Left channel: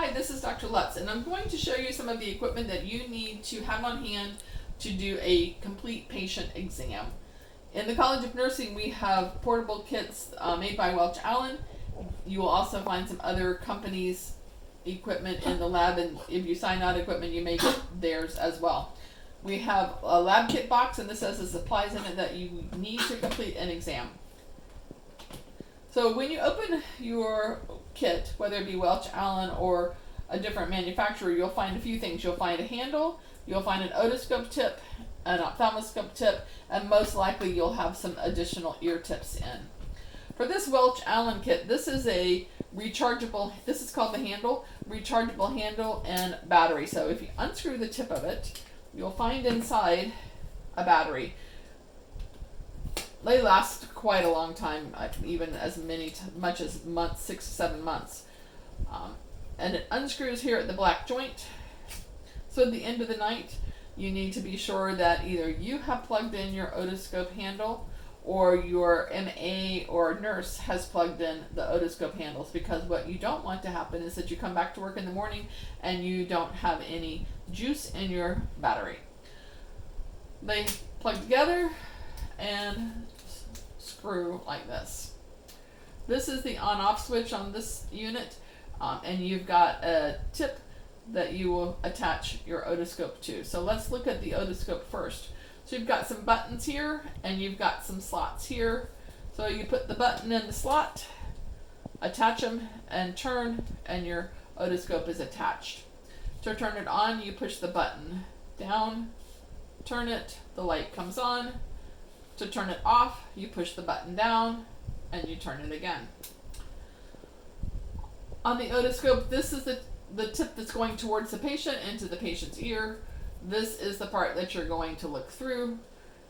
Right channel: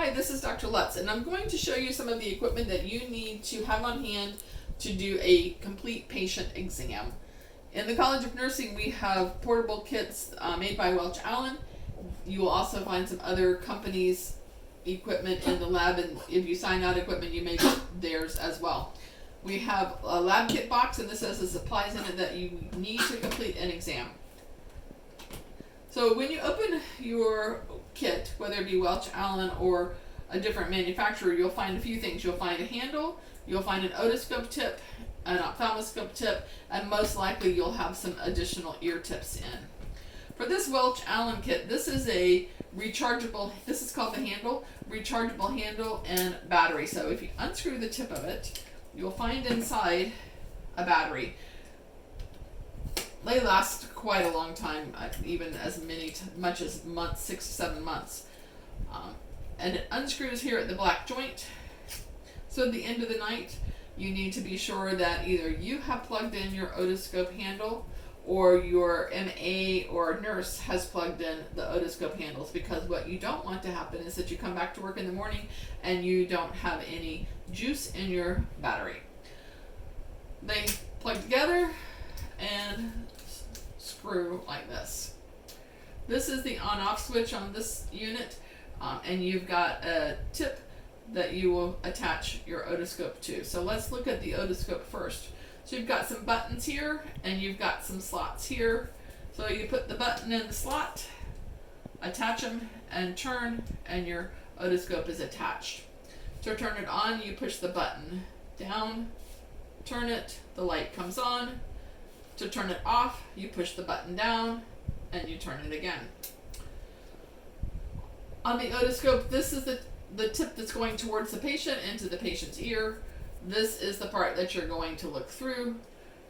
Hi, this is Dr. Lutz, and I'm going to show you some of the equipment that you need to have on hand to do a complete patient exam. In the College of Nursing, we have portable kits made by Welch Allyn. You will also find some other companies' equipment in the lab, and if you sign out equipment, you may get theirs as well. We have a lab kit box, and this has the supplies in it that you need to complete an exam. So when you open your kit, whether it be Welch Allyn or a different manufacturer, you'll find a few things. You'll find a handle, you'll find an otoscope tip, an ophthalmoscope tip, and most likely you'll have some additional ear tips in. For this Welch Allyn kit, this is a rechargeable, this is called the handle, rechargeable handle and battery. So if you unscrew the tip of it, you'll find inside a battery. They last quite a long time, even as much as months, 6 to 7 months. And it unscrews here at the black joint. So at the end of the night, you need to be sure that either you have plugged in your otoscope handle or your MA or nurse has plugged in the otoscope handles, because what you don't want to happen is that you come back to work in the morning and you don't have any juice in your battery. They plug together and screw like this. This is the on-off switch on this unit, and you've got a tip that you will attach your otoscope to. So let's look at the otoscope first. So you've got some buttons here and you've got some slots here. So you put the button in the slot, attach them and turn, and your otoscope is attached. To turn it on, you push the button down, turn it, the light comes on. To turn it off, you push the button down and you turn it again. On the otoscope, this is the tip that's going towards the patient into the patient's ear. This is the part that you're going to look through,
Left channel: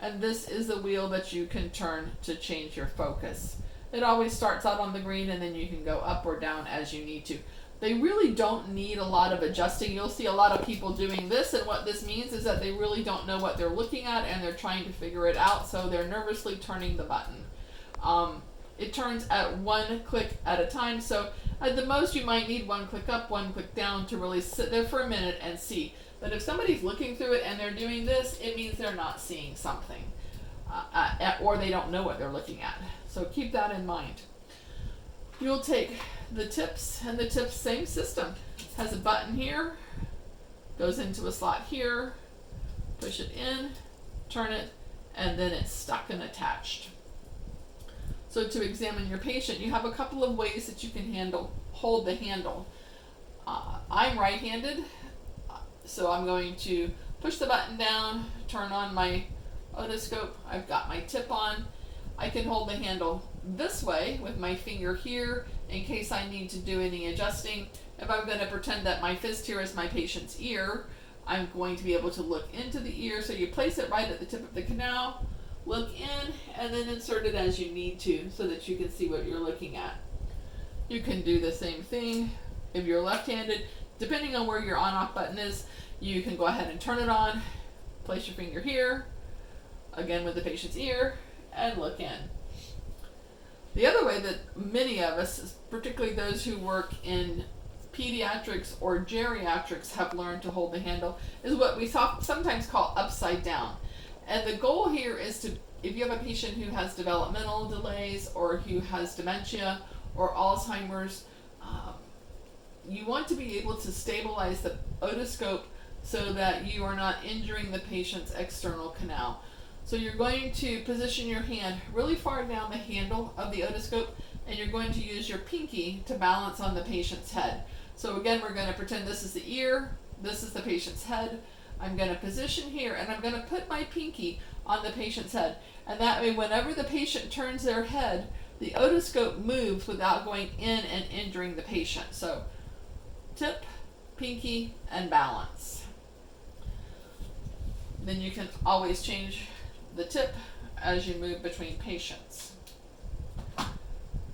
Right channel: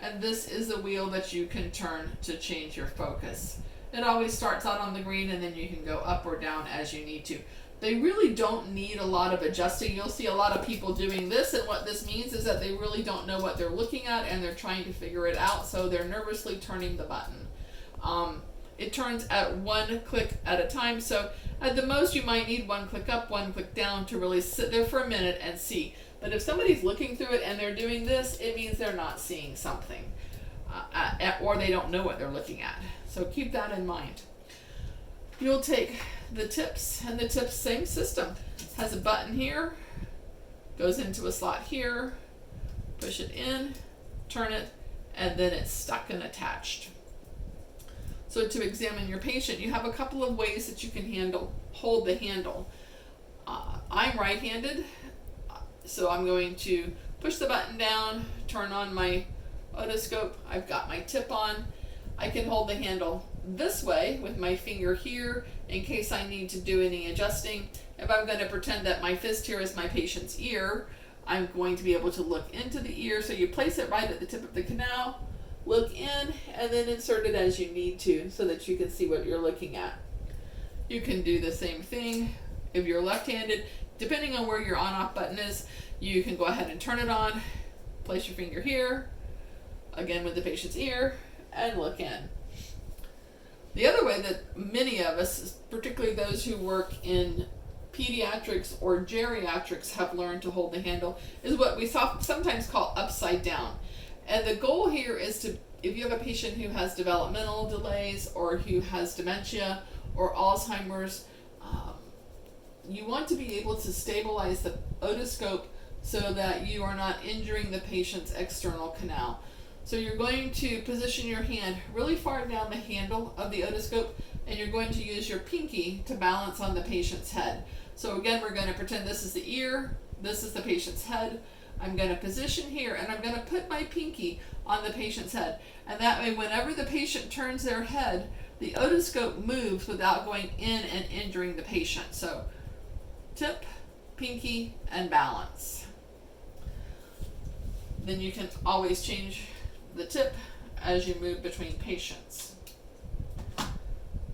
and this is the wheel that you can turn to change your focus. It always starts out on the green, and then you can go up or down as you need to. They really don't need a lot of adjusting. You'll see a lot of people doing this, and what this means is that they really don't know what they're looking at and they're trying to figure it out, so they're nervously turning the button. It turns at one click at a time, so at the most you might need one click up, one click down to really sit there for a minute and see. But if somebody's looking through it and they're doing this, it means they're not seeing something, or they don't know what they're looking at. So keep that in mind. You'll take the tips, and the tips, same system. It has a button here, goes into a slot here, push it in, turn it, and then it's stuck and attached. So to examine your patient, you have a couple of ways that you can hold the handle. I'm right-handed, so I'm going to push the button down, turn on my otoscope. I've got my tip on. I can hold the handle this way with my finger here in case I need to do any adjusting. If I'm going to pretend that my fist here is my patient's ear, I'm going to be able to look into the ear. So you place it right at the tip of the canal, look in, and then insert it as you need to so that you can see what you're looking at. You can do the same thing if you're left-handed. Depending on where your on-off button is, you can go ahead and turn it on, place your finger here, again with the patient's ear, and look in. The other way that many of us, particularly those who work in pediatrics or geriatrics, have learned to hold the handle is what we sometimes call upside down. And the goal here is to, if you have a patient who has developmental delays or who has dementia or Alzheimer's, you want to be able to stabilize the otoscope so that you are not injuring the patient's external canal. So you're going to position your hand really far down the handle of the otoscope, and you're going to use your pinky to balance on the patient's head. So again, we're going to pretend this is the ear, this is the patient's head. I'm going to position here, and I'm going to put my pinky on the patient's head. And that way, whenever the patient turns their head, the otoscope moves without going in and injuring the patient. So tip, pinky, and balance. Then you can always change the tip as you move between patients.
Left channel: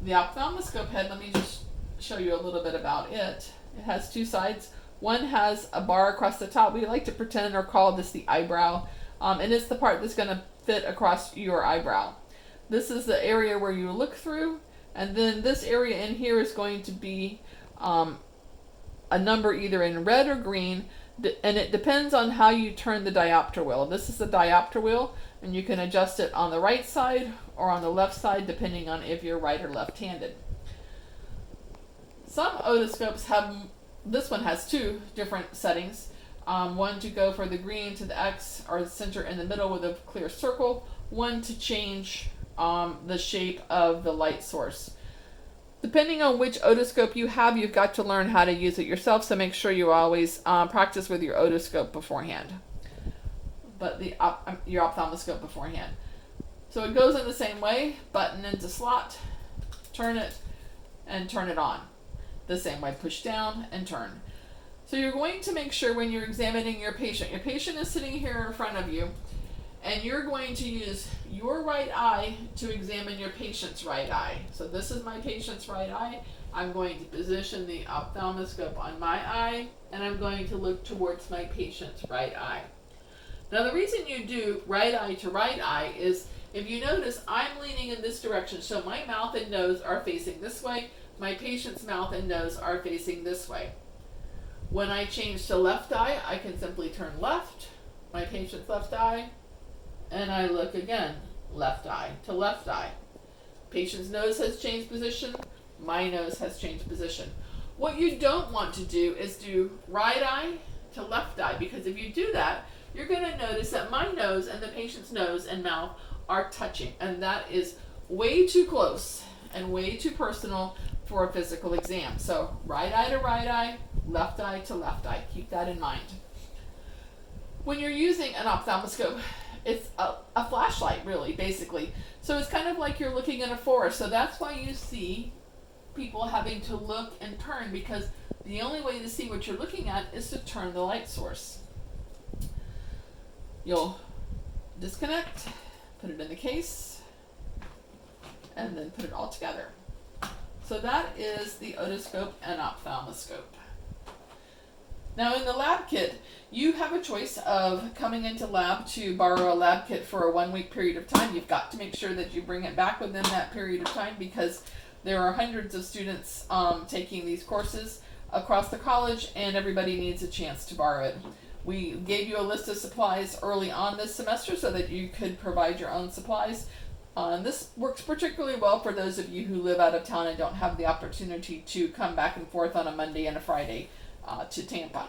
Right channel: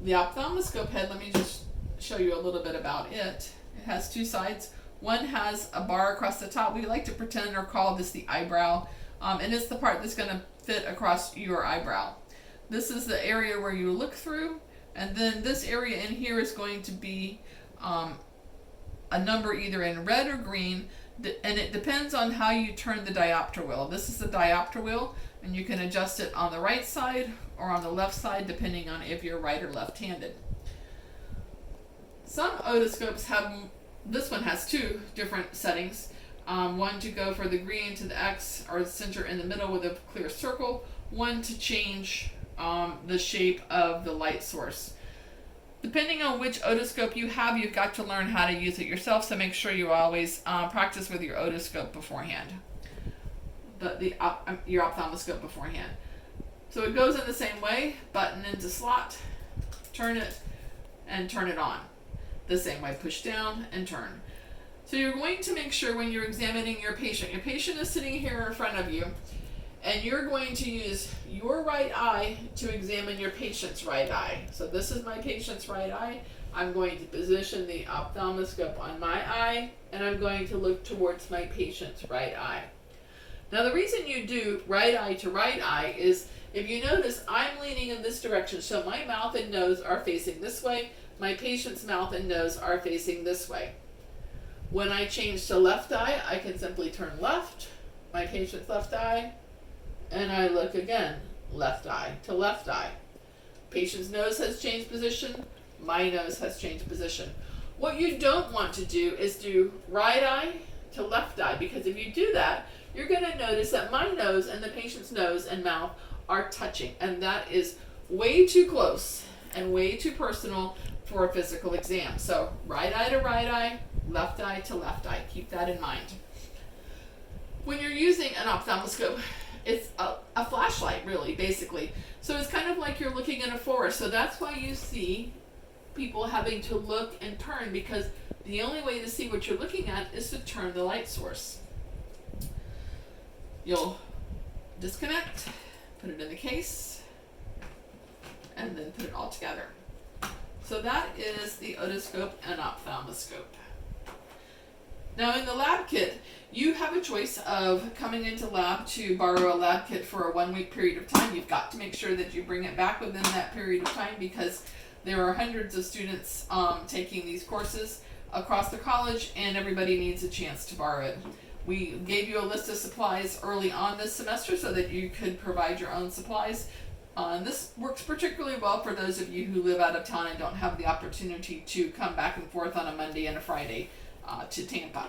The ophthalmoscope head, let me just show you a little bit about it. It has two sides. One has a bar across the top. We like to pretend or call this the eyebrow, and it's the part that's going to fit across your eyebrow. This is the area where you look through, and then this area in here is going to be a number either in red or green, and it depends on how you turn the diopter wheel. This is the diopter wheel, and you can adjust it on the right side or on the left side depending on if you're right or left-handed. Some otoscopes have, this one has two different settings. One to go for the green to the X or the center in the middle with a clear circle. One to change the shape of the light source. Depending on which otoscope you have, you've got to learn how to use it yourself, so make sure you always practice with your otoscope beforehand. Your ophthalmoscope beforehand. So it goes in the same way, button into slot, turn it, and turn it on. The same way, push down and turn. So you're going to make sure when you're examining your patient is sitting here in front of you, and you're going to use your right eye to examine your patient's right eye. So this is my patient's right eye. I'm going to position the ophthalmoscope on my eye, and I'm going to look towards my patient's right eye. Now the reason you do right eye to right eye is, if you notice, I'm leaning in this direction, so my mouth and nose are facing this way, my patient's mouth and nose are facing this way. When I change to left eye, I can simply turn left, my patient's left eye, and I look again, left eye to left eye. Patient's nose has changed position, my nose has changed position. What you don't want to do is do right eye to left eye, because if you do that, you're going to notice that my nose and the patient's nose and mouth are touching, and that is way too close and way too personal for a physical exam. So right eye to right eye, left eye to left eye. Keep that in mind. When you're using an ophthalmoscope, it's a flashlight, really, basically. So it's kind of like you're looking in a forest. So that's why you see people having to look and turn, because the only way to see what you're looking at is to turn the light source. You'll disconnect, put it in the case, and then put it all together. So that is the otoscope and ophthalmoscope. Now in the lab kit, you have a choice of coming into lab to borrow a lab kit for a 1 week period of time. You've got to make sure that you bring it back within that period of time, because there are hundreds of students taking these courses across the college, and everybody needs a chance to borrow it. We gave you a list of supplies early on this semester so that you could provide your own supplies. This works particularly well for those of you who live out of town and don't have the opportunity to come back and forth on a Monday and a Friday to Tampa.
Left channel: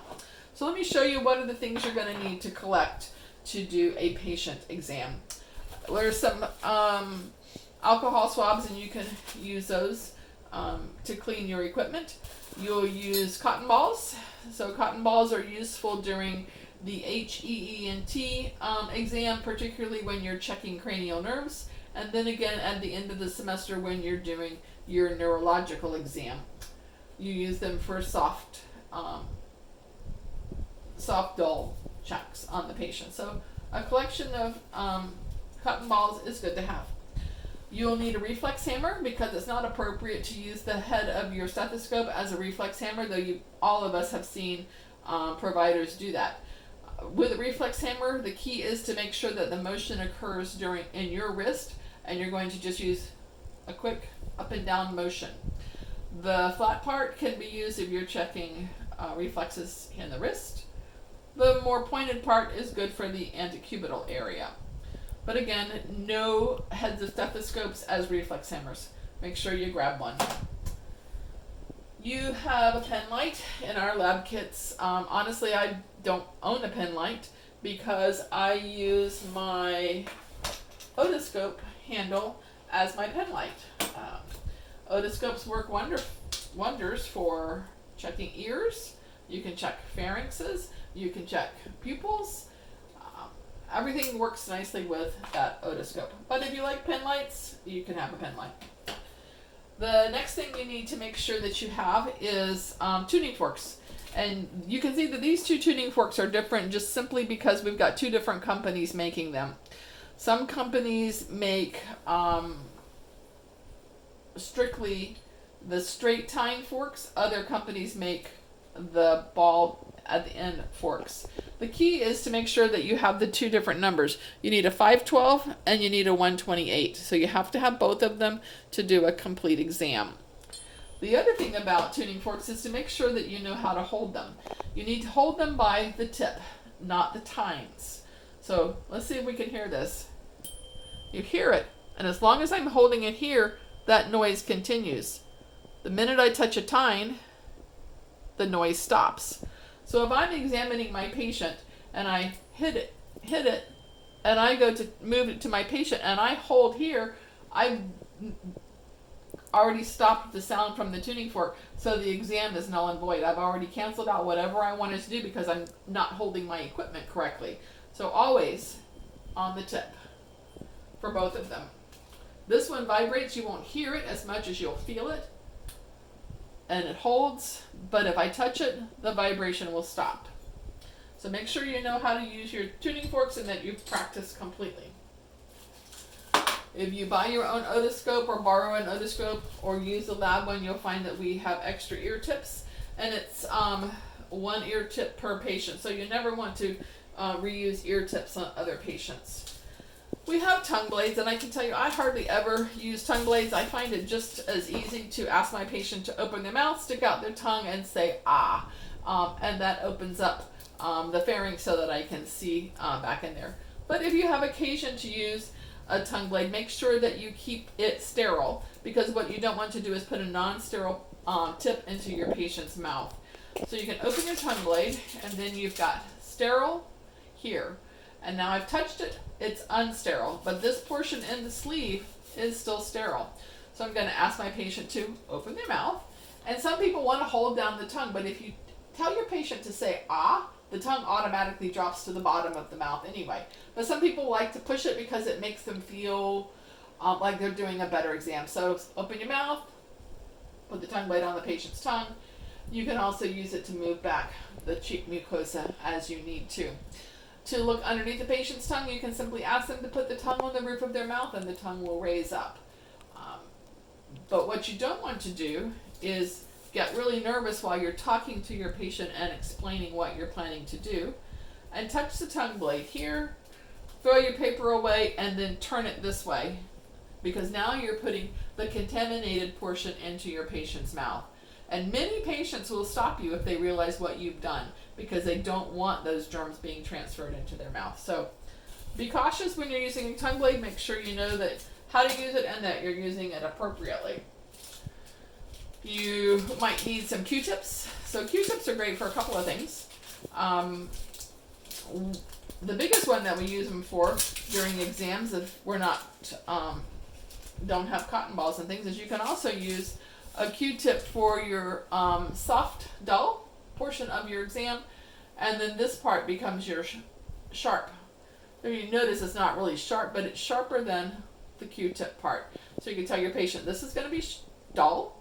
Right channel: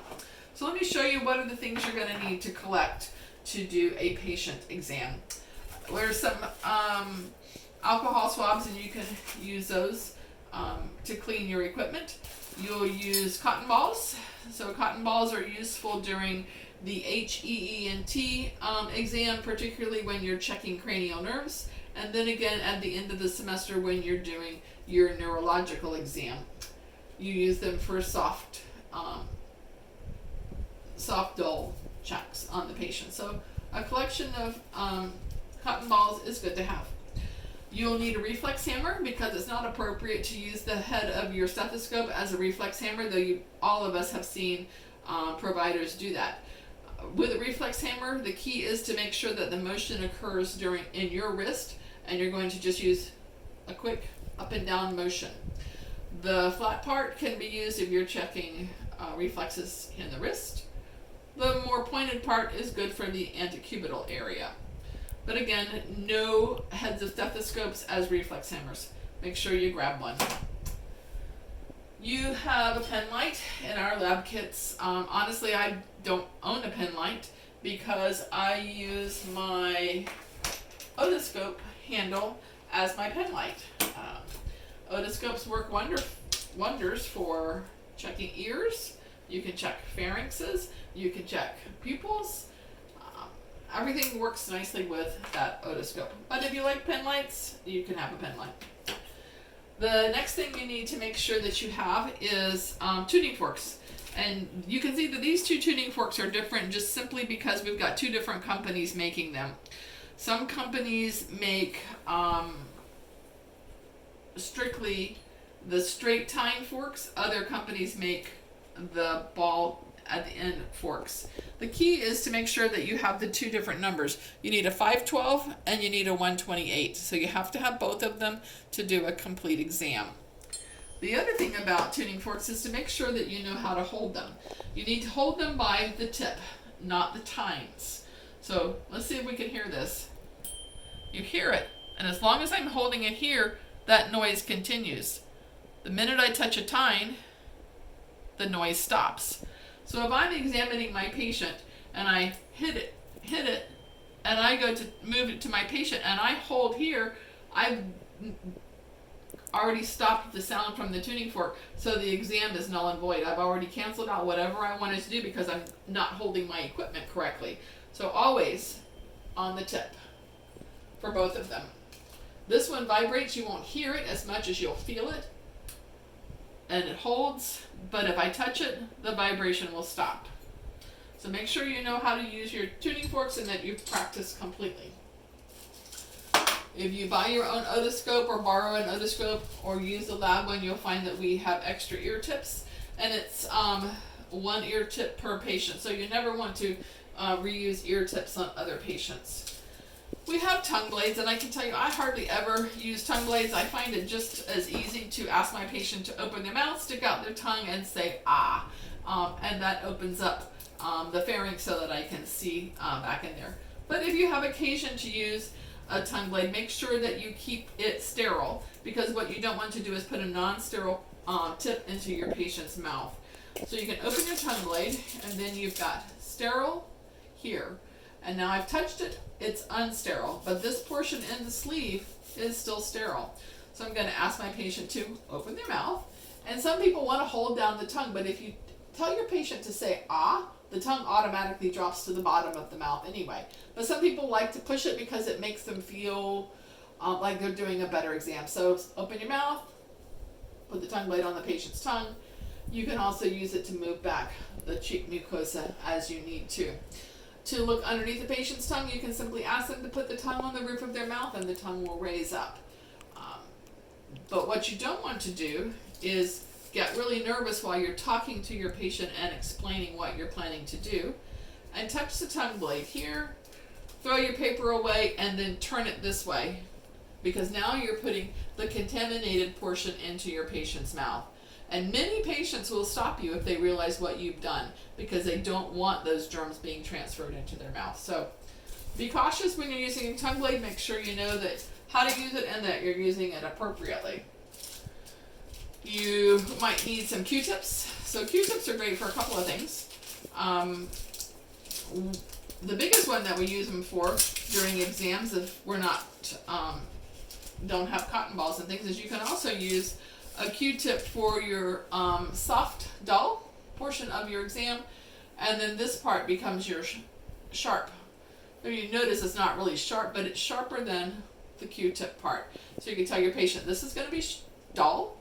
So let me show you what are the things you're going to need to collect to do a patient exam. There's some alcohol swabs, and you can use those to clean your equipment. You'll use cotton balls. So cotton balls are useful during the HEENT exam, particularly when you're checking cranial nerves, and then again at the end of the semester when you're doing your neurological exam. You use them for soft dull checks on the patient. So a collection of cotton balls is good to have. You'll need a reflex hammer, because it's not appropriate to use the head of your stethoscope as a reflex hammer, though all of us have seen providers do that. With a reflex hammer, the key is to make sure that the motion occurs in your wrist, and you're going to just use a quick up and down motion. The flat part can be used if you're checking reflexes in the wrist. The more pointed part is good for the antecubital area. But again, no heads of stethoscopes as reflex hammers. Make sure you grab one. You have a pen light in our lab kits. Honestly, I don't own a pen light because I use my otoscope handle as my pen light. Otoscopes work wonders for checking ears. You can check pharynxes. You can check pupils. Everything works nicely with that otoscope. But if you like pen lights, you can have a pen light. The next thing you need to make sure that you have is tuning forks. And you can see that these two tuning forks are different just simply because we've got two different companies making them. Some companies make strictly the straight tine forks. Other companies make the ball at the end forks. The key is to make sure that you have the two different numbers. You need a 512 and you need a 128. So you have to have both of them to do a complete exam. The other thing about tuning forks is to make sure that you know how to hold them. You need to hold them by the tip, not the tines. So let's see if we can hear this. You hear it, and as long as I'm holding it here, that noise continues. The minute I touch a tine, the noise stops. So if I'm examining my patient and I hit it, and I go to move it to my patient and I hold here, I've already stopped the sound from the tuning fork, so the exam is null and void. I've already canceled out whatever I wanted to do because I'm not holding my equipment correctly. So always on the tip for both of them. This one vibrates, you won't hear it as much as you'll feel it, and it holds, but if I touch it, the vibration will stop. So make sure you know how to use your tuning forks and that you've practiced completely. If you buy your own otoscope or borrow an otoscope or use the lab one, you'll find that we have extra ear tips, and it's 1 ear tip per patient. So you never want to reuse ear tips on other patients. We have tongue blades, and I can tell you I hardly ever use tongue blades. I find it just as easy to ask my patient to open their mouth, stick out their tongue, and say ah, and that opens up the pharynx so that I can see back in there. But if you have occasion to use a tongue blade, make sure that you keep it sterile, because what you don't want to do is put a non-sterile tip into your patient's mouth. So you can open your tongue blade, and then you've got sterile here, and now I've touched it, it's unsterile, but this portion in the sleeve is still sterile. So I'm going to ask my patient to open their mouth, and some people want to hold down the tongue, but if you tell your patient to say ah, the tongue automatically drops to the bottom of the mouth anyway. But some people like to push it because it makes them feel like they're doing a better exam. So open your mouth, put the tongue blade on the patient's tongue. You can also use it to move back the cheek mucosa as you need to. To look underneath the patient's tongue, you can simply ask them to put the tongue on the roof of their mouth, and the tongue will raise up. But what you don't want to do is get really nervous while you're talking to your patient and explaining what you're planning to do, and touch the tongue blade here, throw your paper away, and then turn it this way, because now you're putting the contaminated portion into your patient's mouth. And many patients will stop you if they realize what you've done, because they don't want those germs being transferred into their mouth. So be cautious when you're using a tongue blade. Make sure you know that how to use it and that you're using it appropriately. You might need some Q-tips. So Q-tips are great for a couple of things. The biggest one that we use them for during exams, if we're not don't have cotton balls and things, is you can also use a Q-tip for your soft, dull portion of your exam, and then this part becomes your sharp. So you notice it's not really sharp, but it's sharper than the Q-tip part. So you can tell your patient, this is going to be dull,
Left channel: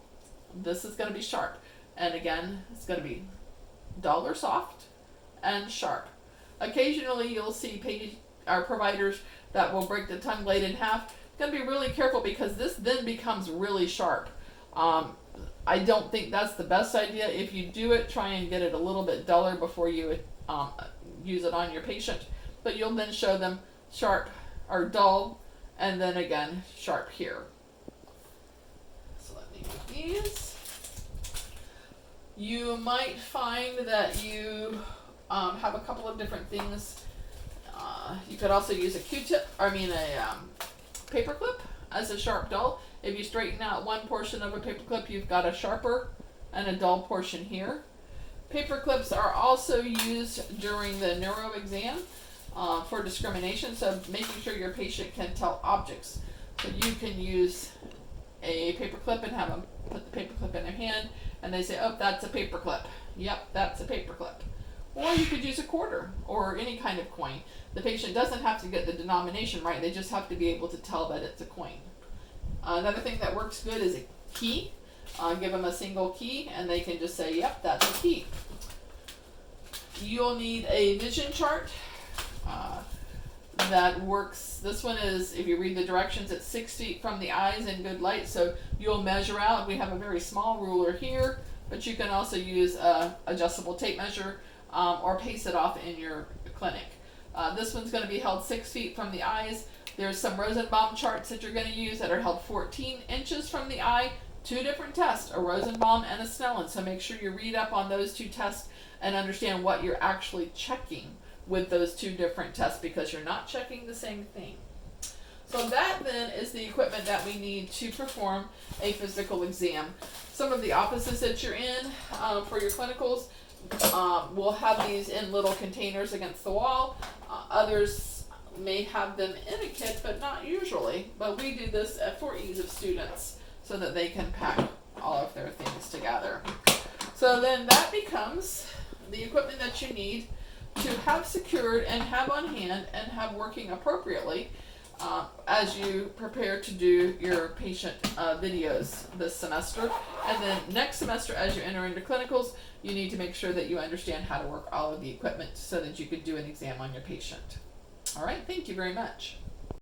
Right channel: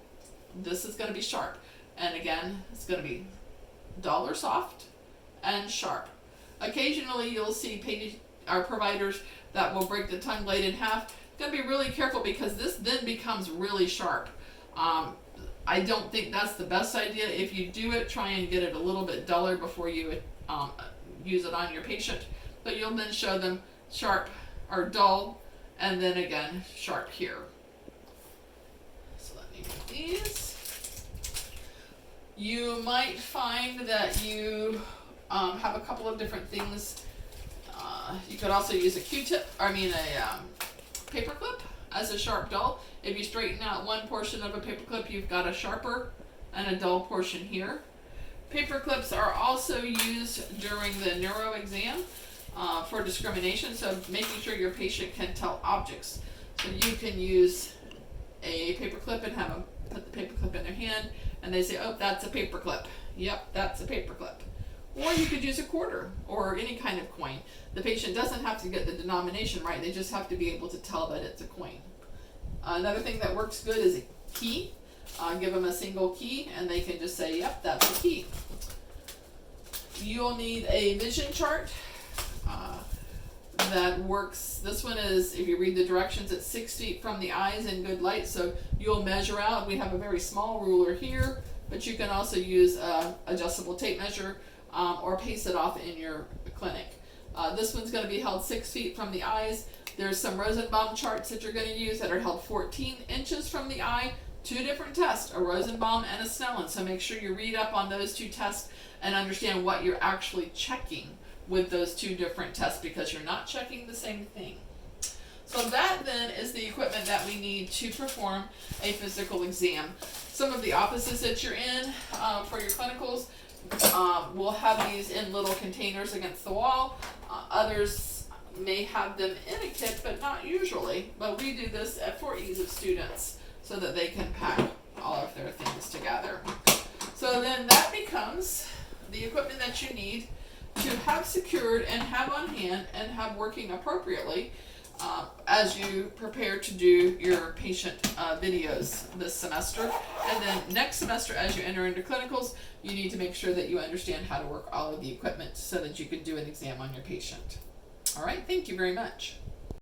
this is going to be sharp, and again, it's going to be dull or soft and sharp. Occasionally you'll see our providers that will break the tongue blade in half. You're going to be really careful, because this then becomes really sharp. I don't think that's the best idea. If you do it, try and get it a little bit duller before you use it on your patient. But you'll then show them sharp or dull, and then again sharp here. So let me do these. You might find that you have a couple of different things. You could also use a Q-tip, a paper clip as a sharp dull. If you straighten out one portion of a paper clip, you've got a sharper and a dull portion here. Paper clips are also used during the neuro exam for discrimination, so making sure your patient can tell objects. So you can use a paper clip and have them put the paper clip in their hand, and they say, oh, that's a paper clip. Yep, that's a paper clip. Or you could use a quarter or any kind of coin. The patient doesn't have to get the denomination right, they just have to be able to tell that it's a coin. Another thing that works good is a key. Give them a single key, and they can just say, yep, that's a key. You'll need a vision chart that works. This one is, if you read the directions, it's 6 feet from the eyes in good light, so you'll measure out. We have a very small ruler here, but you can also use a adjustable tape measure or paste it off in your clinic. This one's going to be held 6 feet from the eyes. There's some Rosenbaum charts that you're going to use that are held 14 inches from the eye, 2 different tests, a Rosenbaum and a Snellen. So make sure you read up on those 2 tests and understand what you're actually checking with those 2 different tests, because you're not checking the same thing. So that then is the equipment that we need to perform a physical exam. Some of the offices that you're in for your clinicals will have these in little containers against the wall. Others may have them in a kit, but not usually. But we do this for ease of students so that they can pack all of their things together. So then that becomes the equipment that you need to have secured and have on hand and have working appropriately as you prepare to do your patient videos this semester. And then next semester, as you enter into clinicals, you need to make sure that you understand how to work all of the equipment so that you could do an exam on your patient. All right, thank you very much.